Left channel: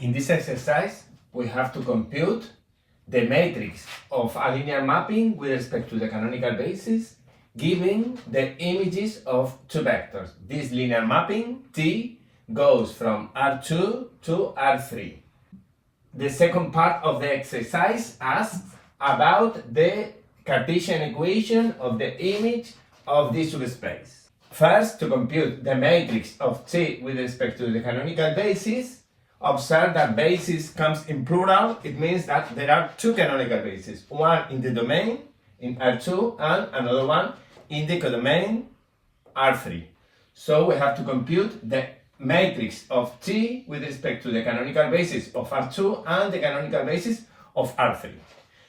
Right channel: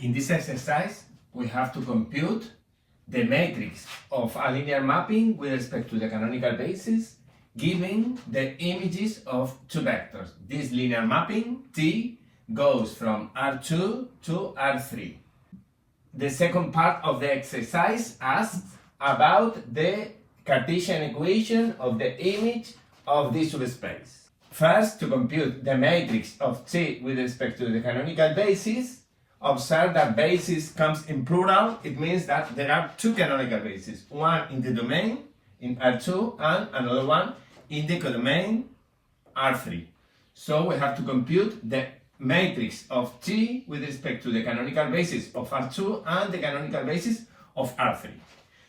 In this exercise, we have to compute the matrix of a linear mapping with respect to the canonical basis, given the images of two vectors. This linear mapping, T, goes from R2 to R3. The second part of the exercise asks about the Cartesian equation of the image of this subspace. First, to compute the matrix of T with respect to the canonical basis, observe that basis comes in plural. It means that there are two canonical bases, one in the domain in R2 and another one in the codomain R3. So we have to compute the matrix of T with respect to the canonical basis of R2 and the canonical basis of R3.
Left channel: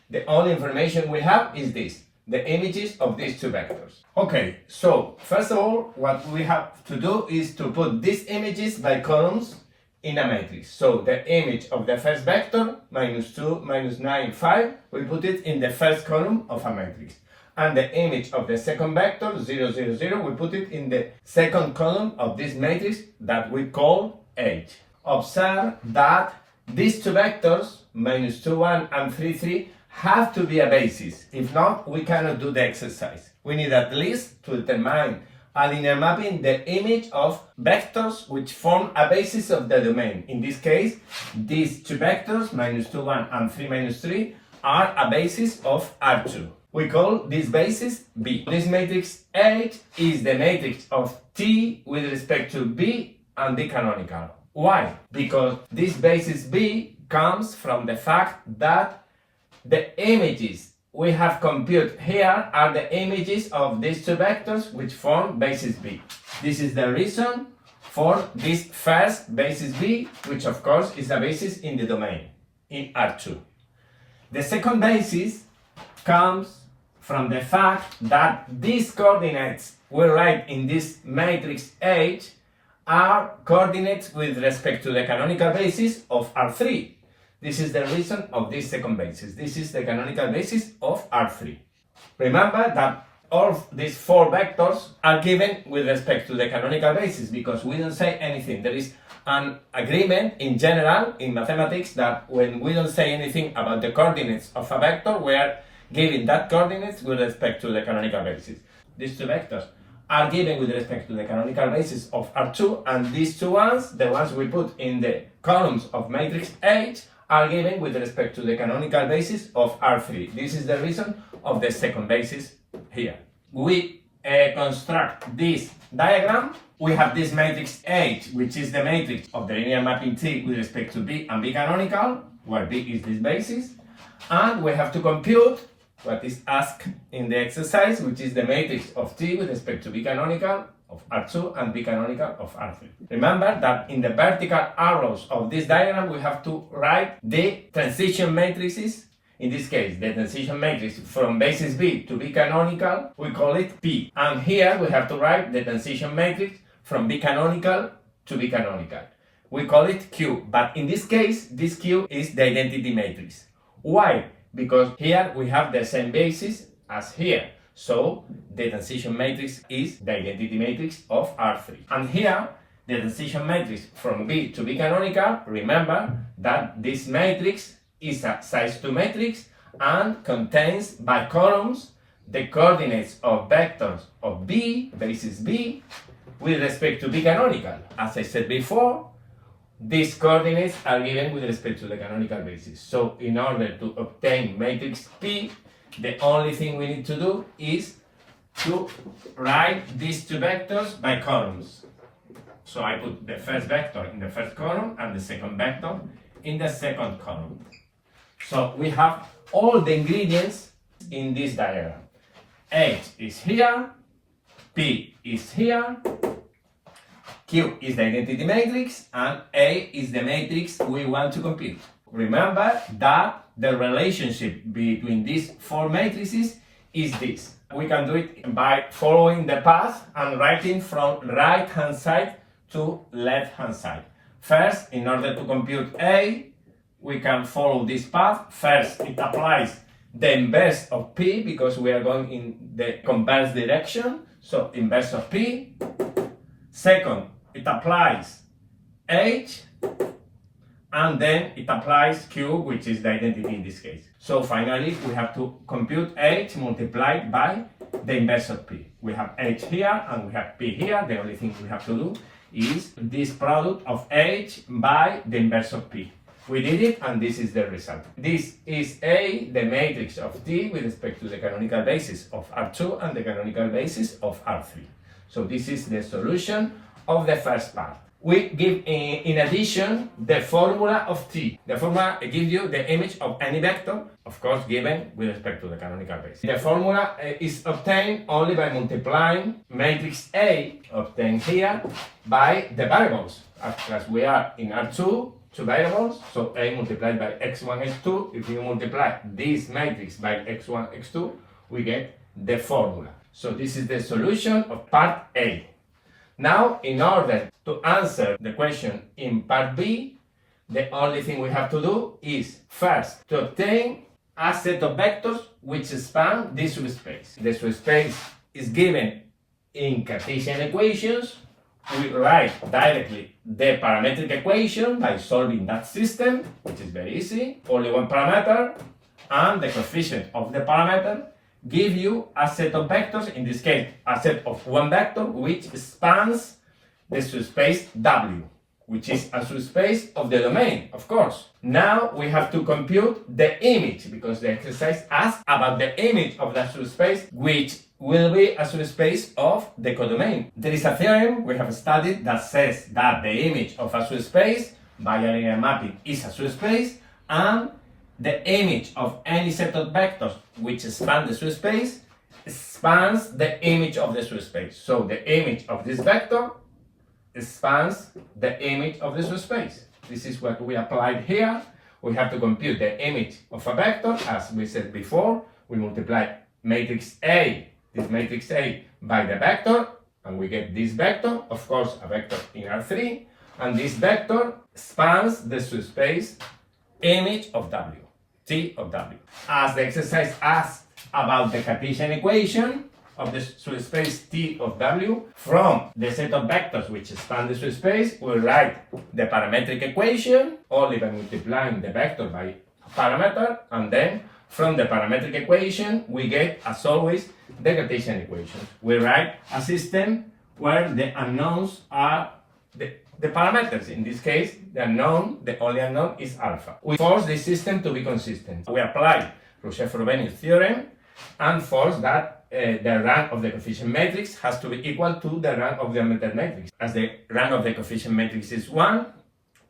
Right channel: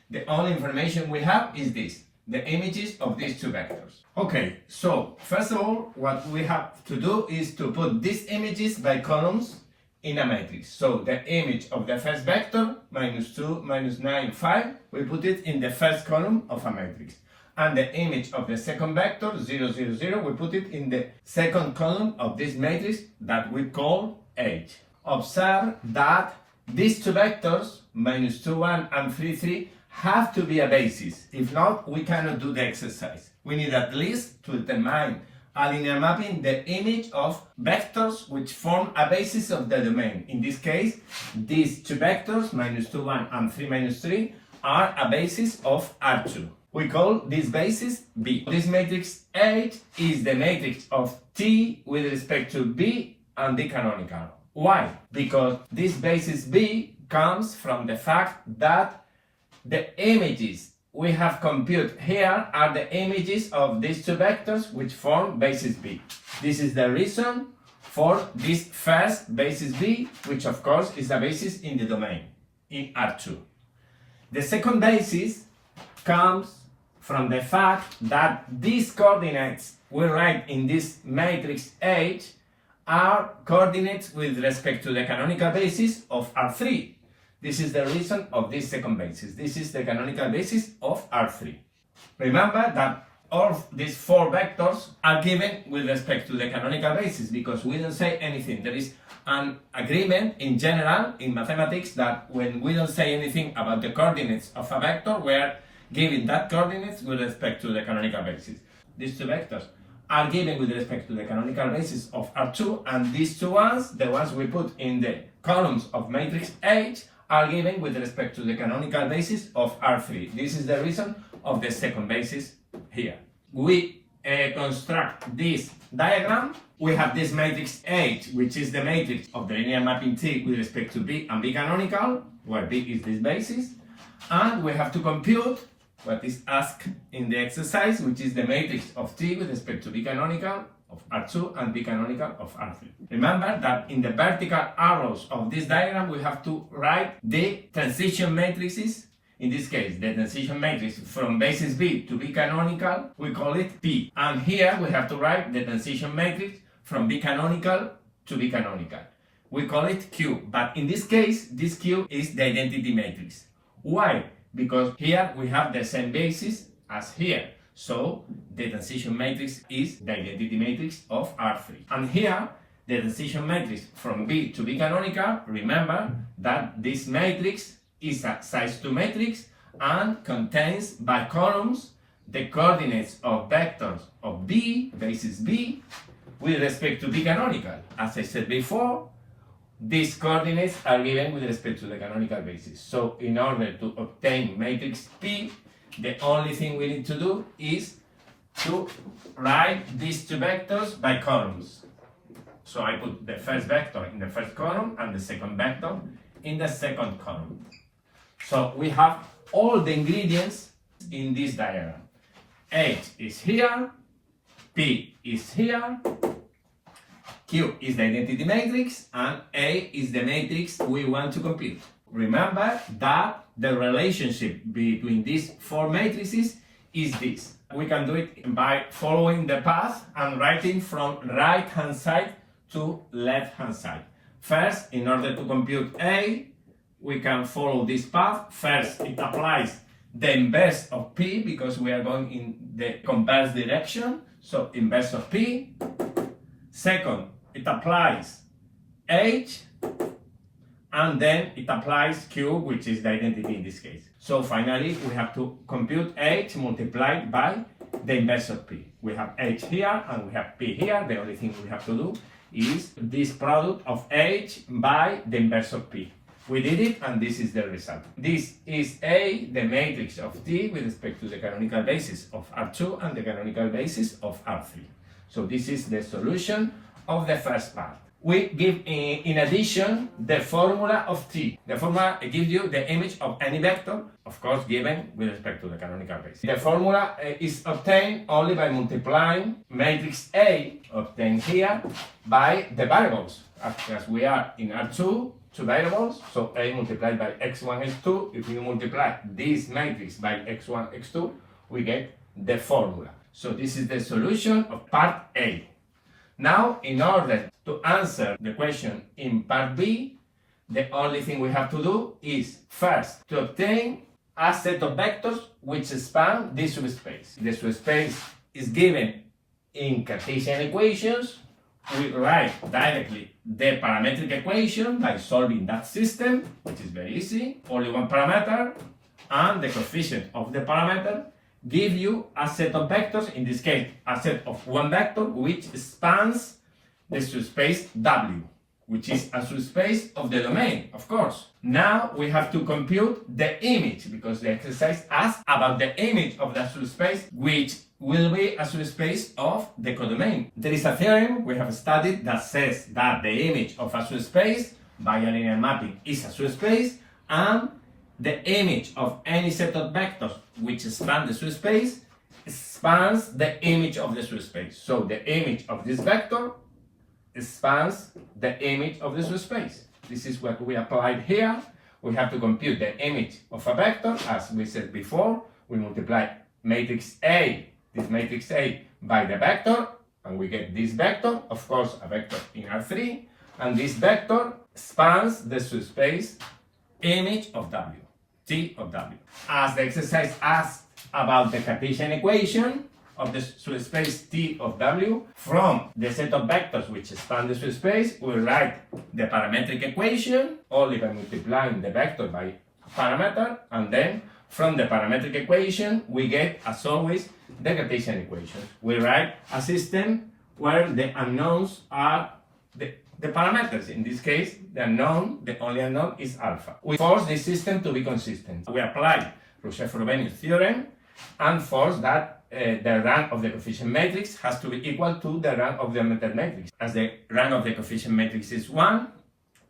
The only information we have is this, the images of these two vectors. Okay, so first of all, what we have to do is to put these images by columns in a matrix. So the image of the first vector, -2, -9, 5, we put it in the first column of a matrix. And the image of the second vector, 0, 0, 0, we put it in the second column of this matrix that we call H. Observe that these two vectors, -2, 1 and 3, 3, have to be a basis. If not, we cannot do the exercise. We need at least to determine a linear mapping the image of vectors which form a basis of the domain. In this case, these two vectors, -2, 1 and 3, -3, are a basis of R2. We call this basis B. This matrix H is the matrix of T with respect to B and B canonical. Why? Because this basis B comes from the fact that the images we have computed here are the images of these two vectors which form basis B. This is the reason for this first basis B, which of course is a basis in the domain, in R2. The second basis comes from the fact that these coordinates we write in this matrix H are coordinates with respect to the canonical basis of R3. This is the reason of this second basis. This is the canonical basis of R3. Remember that all of these four vectors are given with respect to the canonical basis because we don't say anything. There is an agreement in general in mathematics that when we don't say anything about the coordinates of a vector, we are giving that coordinates with respect to the canonical basis. These two vectors are given with respect to the canonical basis of R2, and these two ones, the ones we put in the columns of matrix H, are given with respect to the canonical basis of R3. This is the reason of the second basis here. We construct this diagram. We have this matrix H, which is the matrix of the linear mapping T with respect to B and B canonical, where B is this basis. And we have to compute what is asked in the exercise, which is the matrix of T with respect to B canonical of R2 and B canonical of R3. Remember that in the vertical arrows of this diagram we have to write the transition matrices. In this case, the transition matrix from basis B to B canonical, we call it P. And here we have to write the transition matrix from B canonical to B canonical. We call it Q, but in this case, this Q is the identity matrix. Why? Because here we have the same basis as here. So the transition matrix is the identity matrix of R3. And here, the transition matrix from B to B canonical, remember that this matrix is a size 2 matrix and contains by columns the coordinates of vectors of B, basis B, with respect to B canonical. As I said before, these coordinates are given with respect to the canonical basis. So in order to obtain matrix P, the only thing we need to do is to write these two vectors by columns. So I put the first vector in the first column and the second vector in the second column. So we have all the ingredients in this diagram. H is here, P is here, Q is the identity matrix, and A is the matrix we want to compute. Remember that the relationship between these four matrices is this. We can do it by following the path and writing from right-hand side to left-hand side. First, in order to compute A, we can follow this path. First, it applies the inverse of P because we are going in the converse direction. So, inverse of P. Second, it applies H. and then it applies Q, which is the identity in this case. So finally, we have to compute H multiplied by the inverse of P. We have H here and we have P here. The only thing we have to do is this product of H by the inverse of P. We did it, and this is the result. This is A, the matrix of T with respect to the canonical basis of R2 and the canonical basis of R3. So this is the solution of the first part. We give, in addition, the formula of T. The formula gives you the image of any vector, of course, given with respect to the canonical basis. The formula is obtained only by multiplying matrix A, obtained here, by the variables. As we are in R2, two variables, so A multiplied by x1, x2. If you multiply this matrix by x1, x2, we get the formula. So this is the solution of part A. Now, in order to answer the question in part B, the only thing we have to do is first to obtain a set of vectors which span this subspace. The subspace is given in Cartesian equations. We write directly the parametric equation by solving that system, which is very easy. Only one parameter, and the coefficient of the parameter give you a set of vectors, in this case a set of one vector which spans the subspace W, which is a subspace of the domain, of course. Now we have to compute the image, because the exercise asks about the image of that subspace, which will be a subspace of the codomain. There is a theorem we have studied that says that the image of a subspace by a linear mapping is a subspace, and the image of any set of vectors which span the subspace spans the image of the subspace. So the image of this vector spans the image of the subspace. This is what we applied here. We have to compute the image of a vector. As we said before, we multiply matrix A, this matrix A, by the vector, and we get this vector, of course a vector in R3, and this vector spans the subspace image of W, T of W. As the exercise asks about the Cartesian equation of the subspace T of W, from the set of vectors which span the subspace, we write the parametric equation only by multiplying the vector by parameter, and then from the parametric equation we get, as always, the Cartesian equation. We write a system where the unknowns are the parameters. In this case, the only unknown is alpha. We force this system to be consistent. We apply Roche-Frobenius theorem and force that the rank of the coefficient matrix has to be equal to the rank of the augmented matrix. As the rank of the coefficient matrix is 1,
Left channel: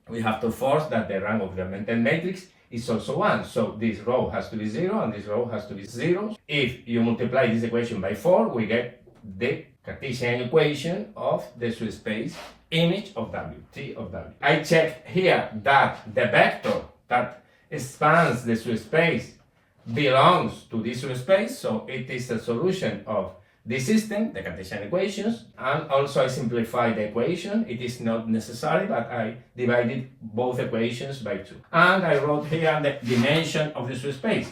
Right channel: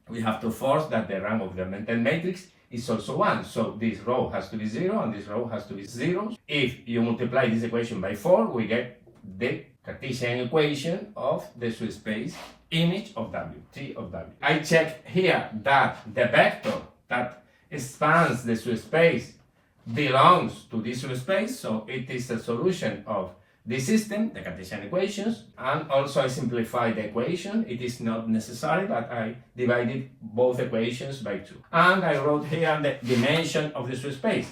we have to force that the rank of the augmented matrix is also 1. So this row has to be 0 and this row has to be 0. If you multiply this equation by 4, we get the Cartesian equation of the subspace image of W, T of W. I check here that the vector that spans the subspace belongs to this subspace, so it is a solution of this system, the Cartesian equations, and also I simplify the equation. It is not necessary, but I divided both equations by 2. And I wrote here the dimension of the subspace.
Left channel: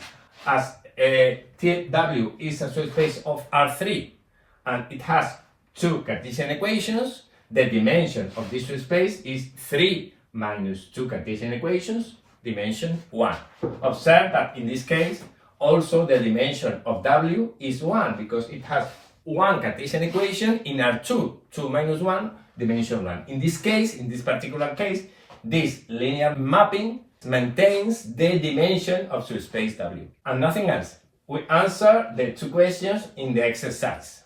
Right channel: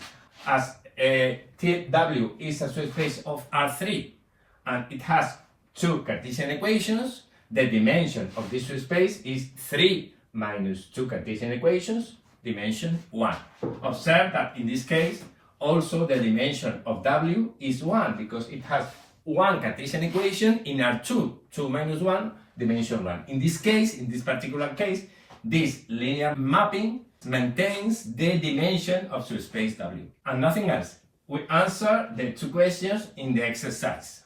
As TW is a subspace of R3, and it has 2 Cartesian equations, the dimension of this subspace is 3 minus 2 Cartesian equations, dimension 1. Observe that in this case, also the dimension of W is 1, because it has 1 Cartesian equation in R2, 2 minus 1, dimension 1. In this case, in this particular case, this linear mapping maintains the dimension of subspace W, and nothing else. We answer the 2 questions in the exercise.